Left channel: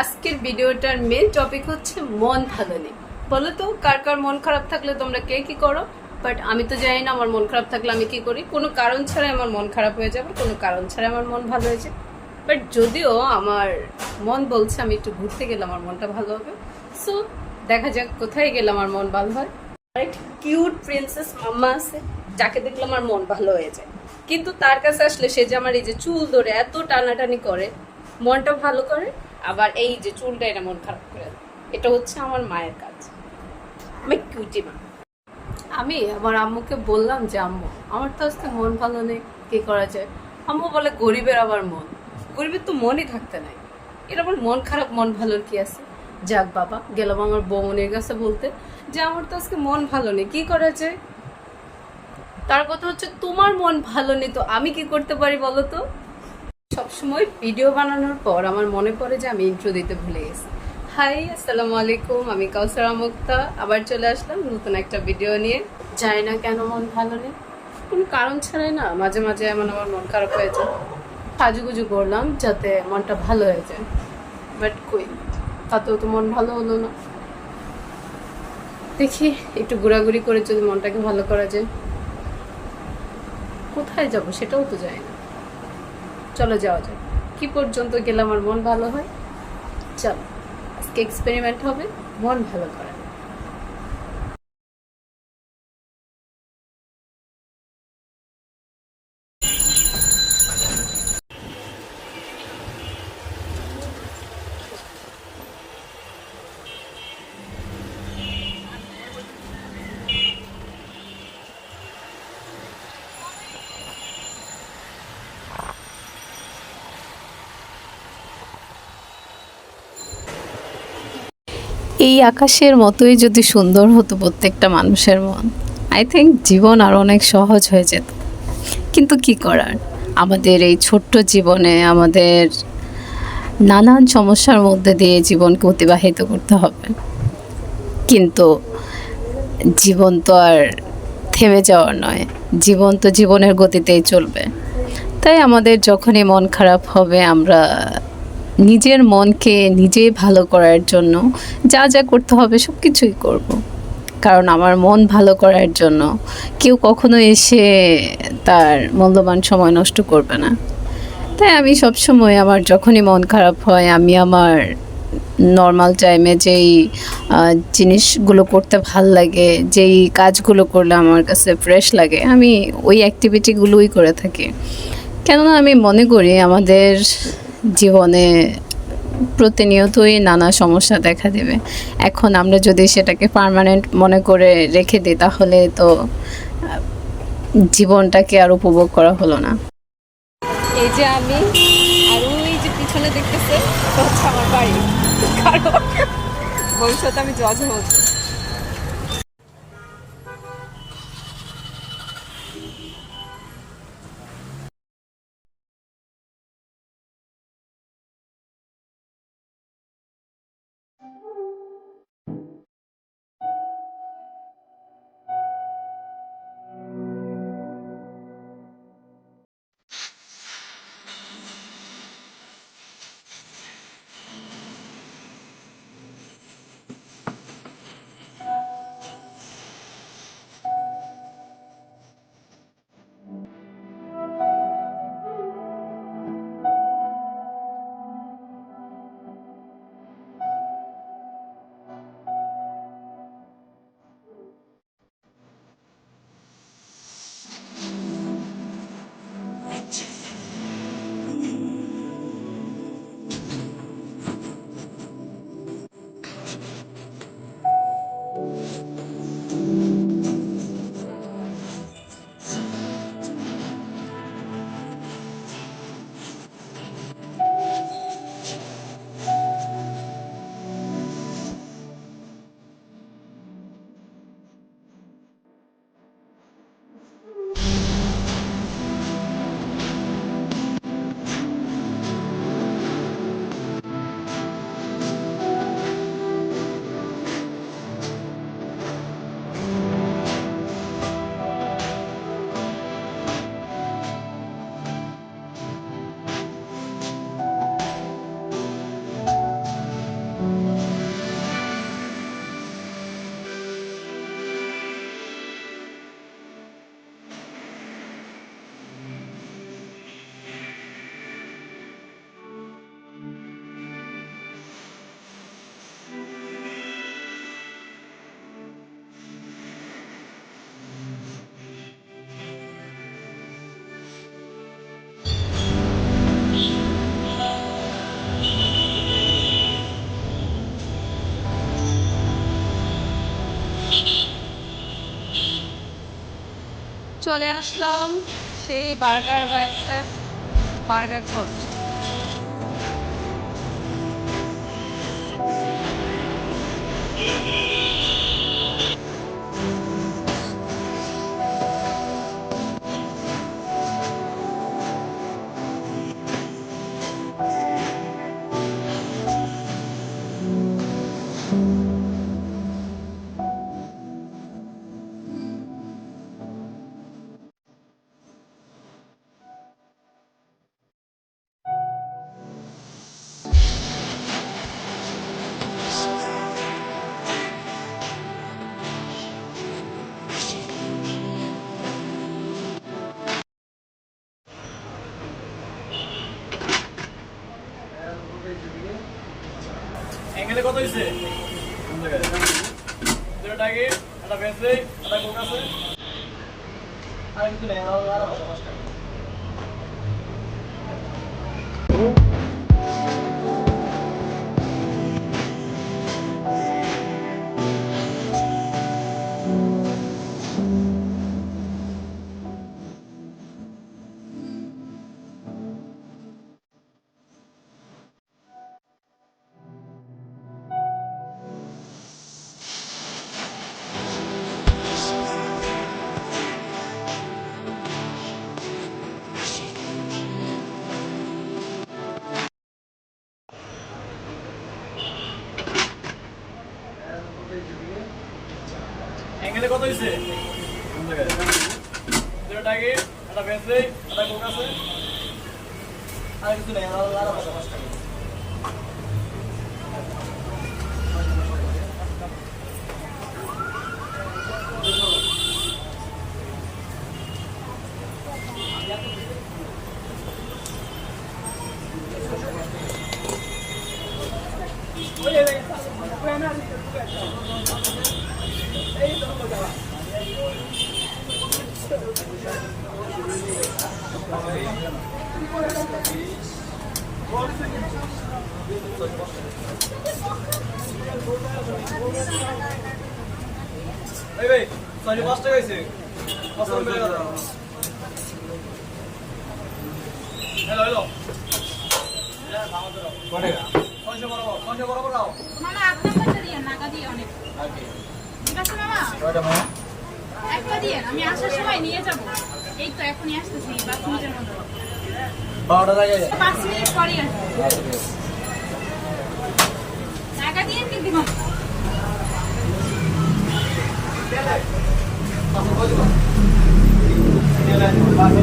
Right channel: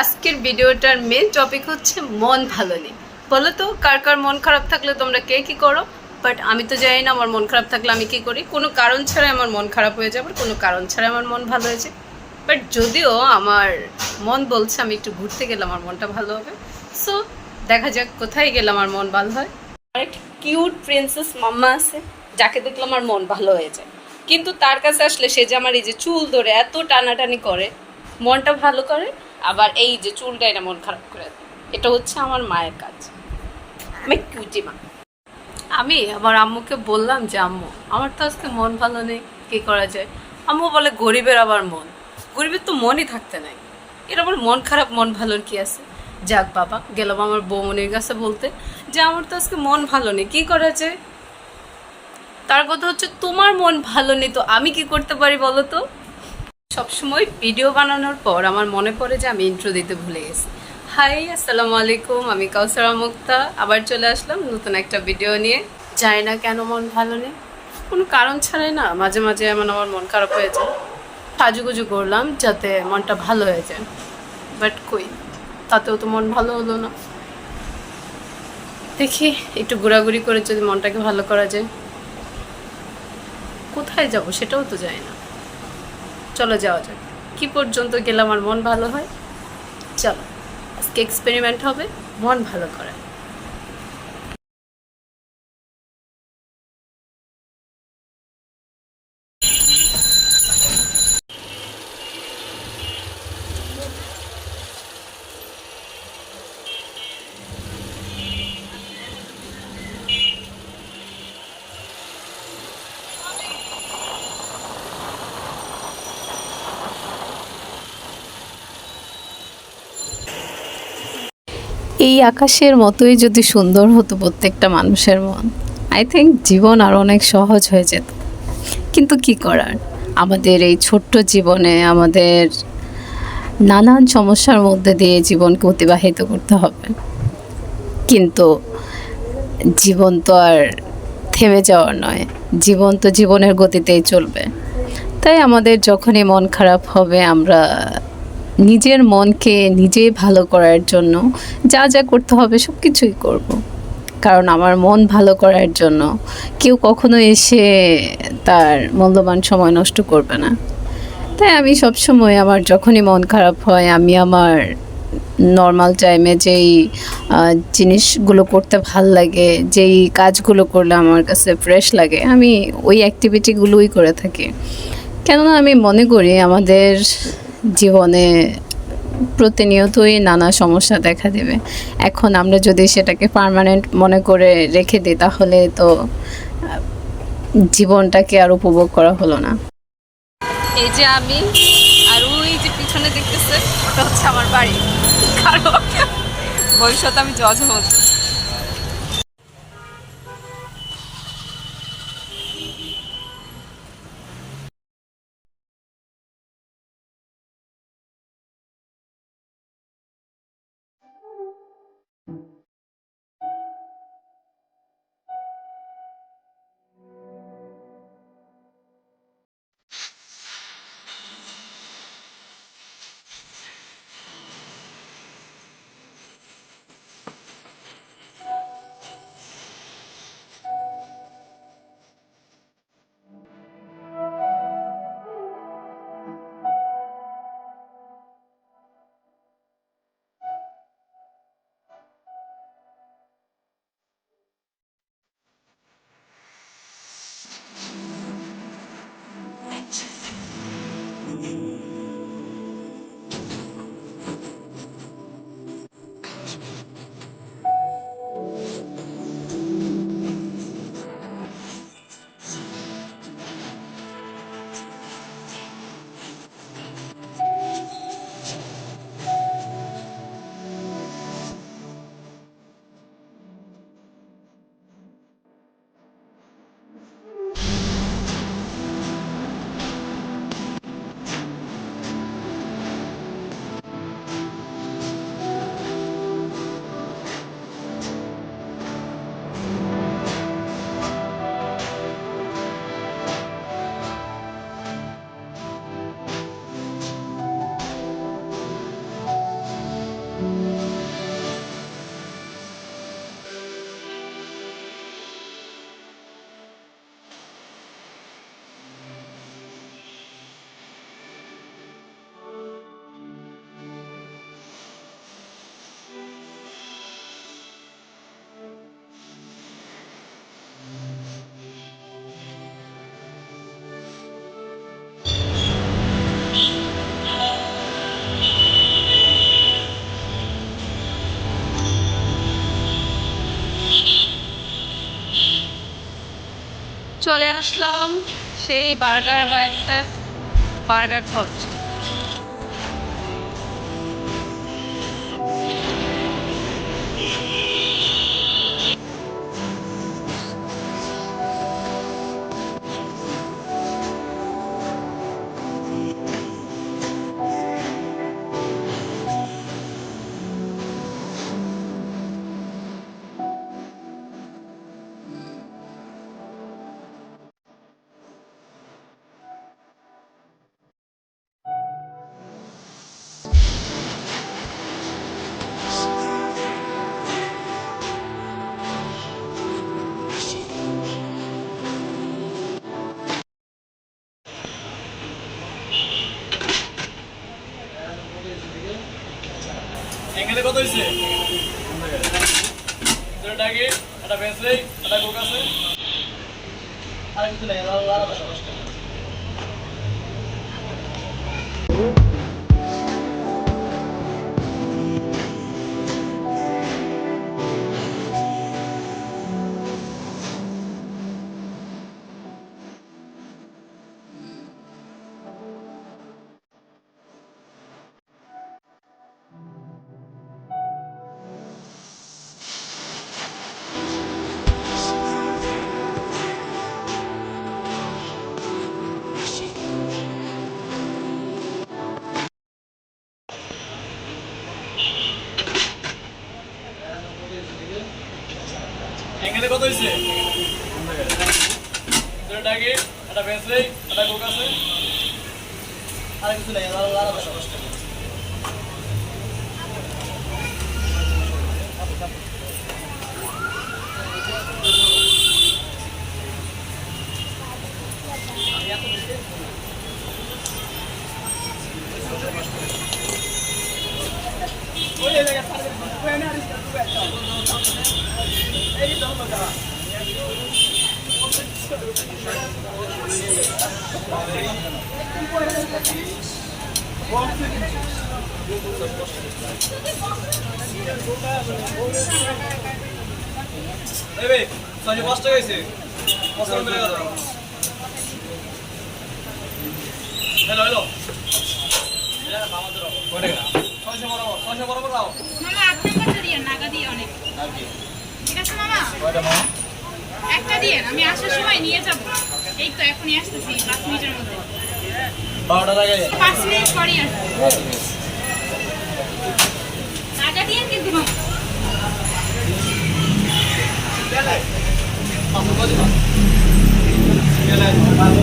আজকের ভিডিওটার main topic হচ্ছে মন ভালো নেই। বলো তো কার কার মন খারাপ থাকলে তোমরা কে কী করো? বাট আমি তো জানি না আমার মন খারাপ থাকলে আমি কী করি। কোনো কারণ ছাড়াই আমার মন খারাপ হয়ে যায়, আবার কোনো কারণ ছাড়াই আমার মন ভালো হয়ে যায়। বাট যদিও আমার মন বলছে আমি একটু ঘুরতে গেলে আমার মনটা ভালো হবে। সো দেখা যাক কোথায় গেলে আমার মন ভালো হয়। আমার একটা কিউট প্রিন্সেস মাম্মা আছে, যাকে দেখলে আমার মন ভালো হয়ে যায়। কিন্তু তার কাছে আসলে সে যে আমার এই যে চুল ধরে এত টানাটানি করে, মনটা ভালো করে, আবার এই যে চুলটা এটা মন খারাপ করে দেয়। এটা হচ্ছে আমার মায়ের কাজ। আমি কিউটি মা। আমি আমার আম্মুকে বললাম যে আম্মু আমার তো আজকে মন ভালো নেই, কী করা যায়? আম্মু বলে গরিবের আবার মন, গরিবের তো মনই থাকতে নাই, এর আবার মন খারাপ মন ভালোর কি আছে? যাক বাবা, গেলাম আমার বৌমনির কাছে বলতে যে আমার তো আজকে মন ভালো নেই, কী করা যায়? তার কথা হচ্ছে তোমার মন ভালো নেই তো আমি কি করতে পারি বলো তো? সবসময় ভিডিও বানানোর পর আমার মনে পড়ে যে আমি ইন্ট্রো দিতে ভুলে গেছি। হাই, আসসালামু আলাইকুম, আমি কাউসারা মুক্তা আবার চলে আসলাম নতুন একটা ভিডিও নিয়ে। জানি না কেন মন ভালো নেই, কোনো কারণ ছাড়াই না মাঝে মাঝে এমন আমার মন খারাপ হয়ে যায়। সাজুগুজু করলাম যাতে মনটা ভালো হয়ে যায়, বাট কই, তাতেও তো মন ভালো হলো না। দেখি একটু ঘোরাঘুরি করে যদি মনটাকে ভালো করা যায়। কোথায় যাব সেটাও তো জানি না। চলো যাওয়া যাক, কী পর্যন্ত গেলে আমার মন ভালো হয়। চলো আজকে এক্সপেরিমেন্ট হবে মন ভালো করা। এই আকাশের মতোই যদি সুন্দর হতো প্রত্যেকটা মানুষের মন, আই থিঙ্ক জীবন আর অনেক সহজ হয়ে যেত। কিন্তু কি করার, আমাদের এই ছোট্ট জীবনে আমাদের নানান সমস্যার মধ্যে দিয়ে জীবনকে অতিবাহিত করতে হবে। কিন্তু জীবন তো আর থেমে যাওয়ার নয়, জীবন তো জীবনের গতিতেই চলবে। তাই আমাদের যখনই মন খারাপ হবে আমরা নিজের মনকে নিজেই ভালো করার জন্য যা যা করতে হবে সব কিছুই করব। কারণ আমার মন ভালো করার জন্য কেউ কখনো এসে তার মূল্যবান সময় নষ্ট করবে না। তাই আমি সবসময় আমার যখনই মন খারাপ হয় আমি আমার নর্মাল টাইমে যেই জিনিসগুলো করতে ভাল লাগে, যেই কাজগুলো করলে আমার কাছে ফ্রেশ লাগে, আমি ওই অ্যাক্টিভিটিগুলোই করে থাকি। কেননা আমি মনে করি আমাদের জীবনে প্রতিনিয়তই নানা সমস্যা দেখা দেবে। এখন আমরা যদি সেটাকে পার্মানেন্ট মনে করে রেখে দিই তাহলে তো জীবনটাকে আর উপভোগ করা হলো না। এই যে আমি, আর ওই যে পিছনে দেখতেছে ওটা হচ্ছে আমার বাড়ি। কারণ ভবিষ্যতে আমি জজ হব। চলে আসলাম সেই বার্গার বা একটা বার্গার খাচ্ছি। এখানে কত হয়েছে? টাকা একটা বেঁচে একটা কোক আছে আর কিছু নেই আর 10 টাকা। এখানে কত হয়েছে? টাকা একটা বেঁচে একটা কোক আছে আর কিছু নেই আর 10 টাকা। এই ভাই 5 টাকা হয়েছে। কত করে গেল? হ্যালো হ্যালো কত টাকা? 600 বরাবর দাও মামা আপনাকে দিয়েন নাগা দিয়ে অনেক ঠিক আছে মামা কয়টা মামা? একটা দিয়েন আমি আসার সময় নিয়ে যাব এই তো এখনই আসতেছি 5 মিনিটের মধ্যে 12টা টাকা 5 মিনিট পরেই আসবো নাগা দিয়ে কিন্তু মামা গেলে কত কত গেলে 5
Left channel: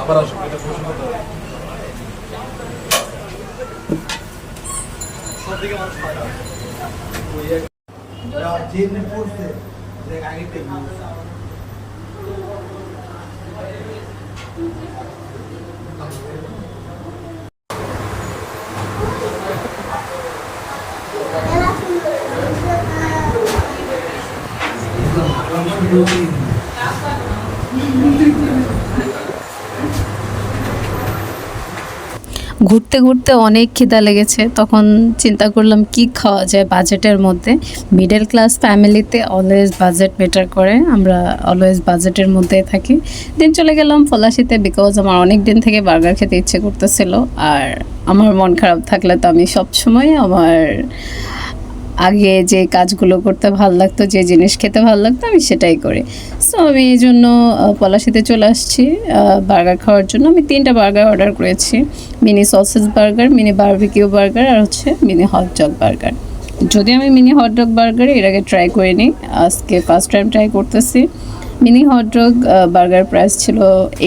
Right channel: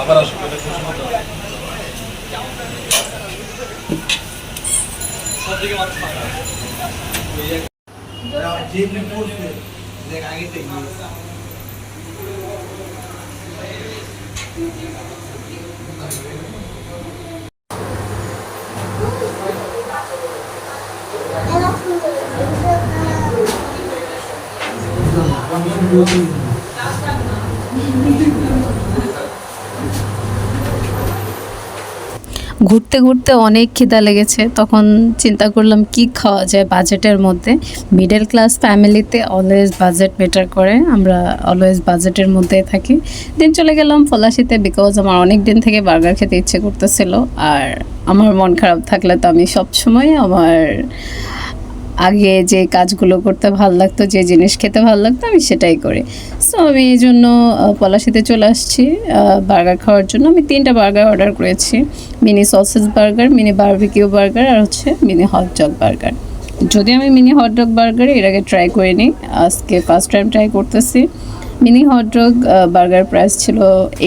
আবার আসো এটা খুশি মতো সবদিকে মানুষ খায় না ওই এক যে পড়ছে দেখ আগে থেকে ঘুরতে ঘুরতে অনেক খিদা লেগেছে, তখন চিন্তা করলাম কি খাওয়া যায় বাজেটের মধ্যে। মিডল ক্লাস ফ্যামিলিতে অলওয়েজ বাজেট ম্যাটার করে, আমরা অলওয়েজ বাজেটের মধ্যে থাকি। দিন চলে গেলাম পলাশিতে, বিকজ আমার অনেক দিন থেকে বার্গার খেতে ইচ্ছে করতেছিল। আর আমার মন খারাপ থাকলে তো আমি সবসময় আমার আগে যে কাজগুলো করতে ভালো লাগতো, যে জিনিস খেতে ভালো লাগতো, আমি সেটাই করি। সো আমি এই জন্য পলাশিতে চলে আসছি বার্গার খাওয়ার জন্য। আমি 3টা বার্গার অর্ডার করেছি, mini sausage burger, mini barbecue burger আর হচ্ছে মিনি হট ডগ বার্গার। যদি আমি মিনি হট ডগ বার্গার এর আগে ট্রাই করিনি, আজকে ফার্স্ট টাইম ট্রাই করতেছি। Mini hot dog burger price ছিল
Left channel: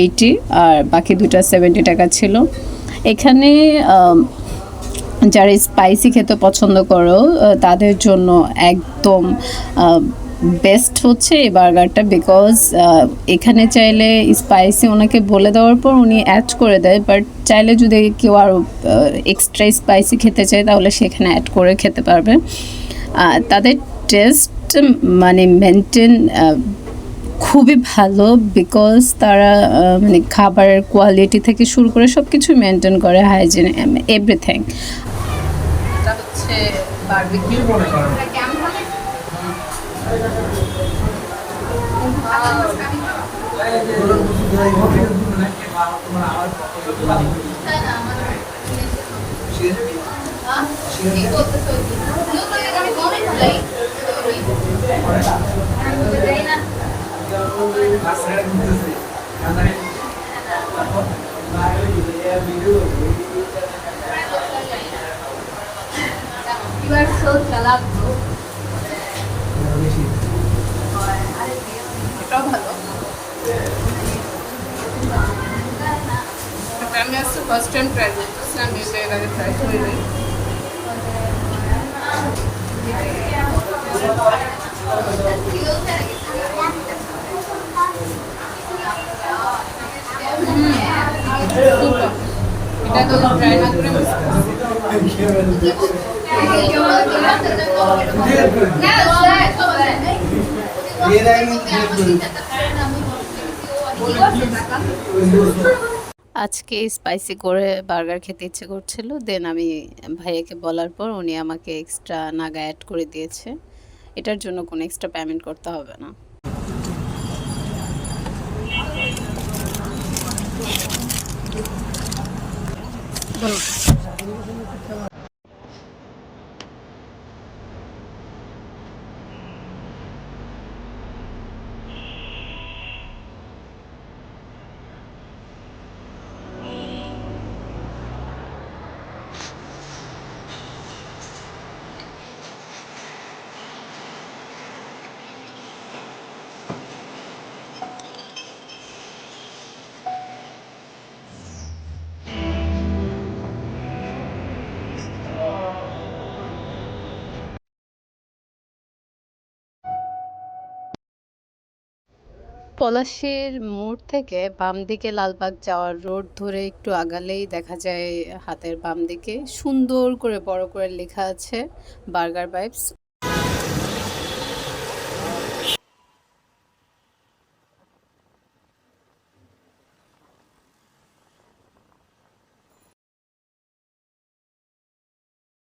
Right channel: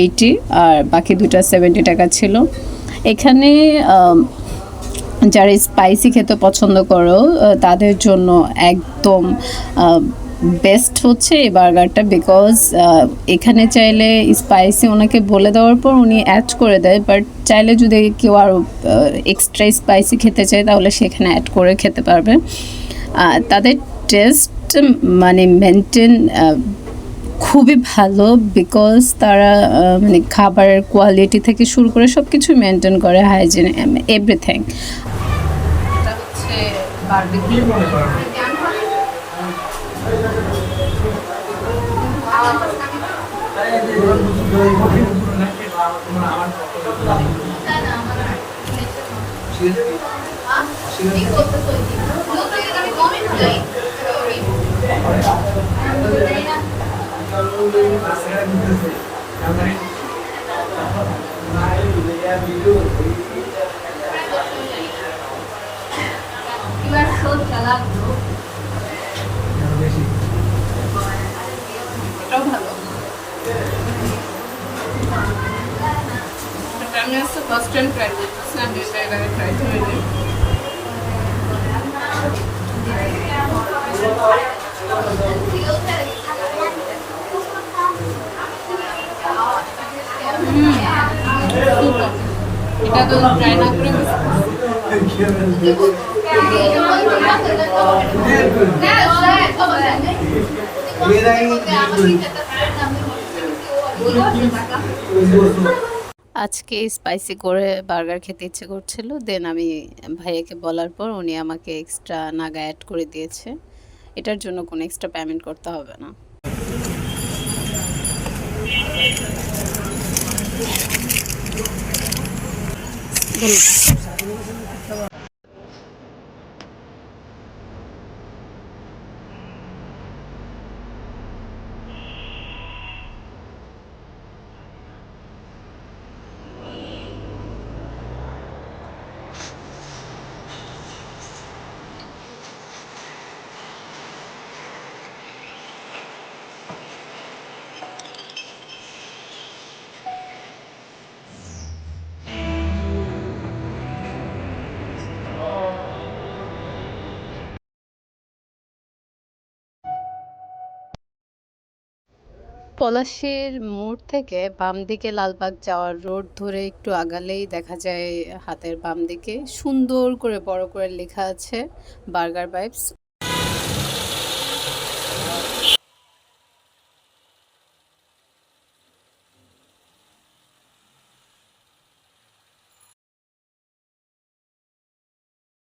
80 আর বাকি দুটা 70 টাকা ছিল। এখানে যারা স্পাইসি খেতে পছন্দ করো তাদের জন্য একদম বেস্ট হচ্ছে এই বার্গারটা, বিকজ এখানে চাইলে স্পাইসি ওনাকে বলে দেওয়ার পর উনি অ্যাড করে দেয়, বাট চাইলে যদি কেউ আরও এক্সট্রা স্পাইসি খেতে চায় তাহলে সেখানে অ্যাড করে খেতে পারবে। তাদের টেস্ট মানে মেনটেন খুবই ভালো, বিকজ তারা মানে খাবারের কোয়ালিটি থেকে শুরু করে সব কিছু মেনটেন করে, হাইজিন এভরিথিং। এটা হচ্ছে বারবিকিউ। এটাও ভালো। আমি আজকে ফার্স্ট টাইম ট্রাই করতেছি, আমি এটা এর আগে ট্রাই করিনি। সুপার। এটা তো ট্রাই না করে miss করছি। আজকে স্পাইসি করে বার্গার খেতে ইচ্ছে করছিল, দেন আমি ভাইয়াকে বলার পর উনি আমাকে এক্সট্রা নাগা অ্যাড করে দিয়েছে। এটার জন্য কোনো এক্সট্রা পেমেন্ট করতে হবে না। পলাশীর মোড় থেকে বাম দিকে লালবাগ যাওয়ার রোড ধরে একটু আগালেই দেখা যায় হাতের বাম দিকে সুন্দর করে বড় করে লেখা আছে বার্গার ভাইবস।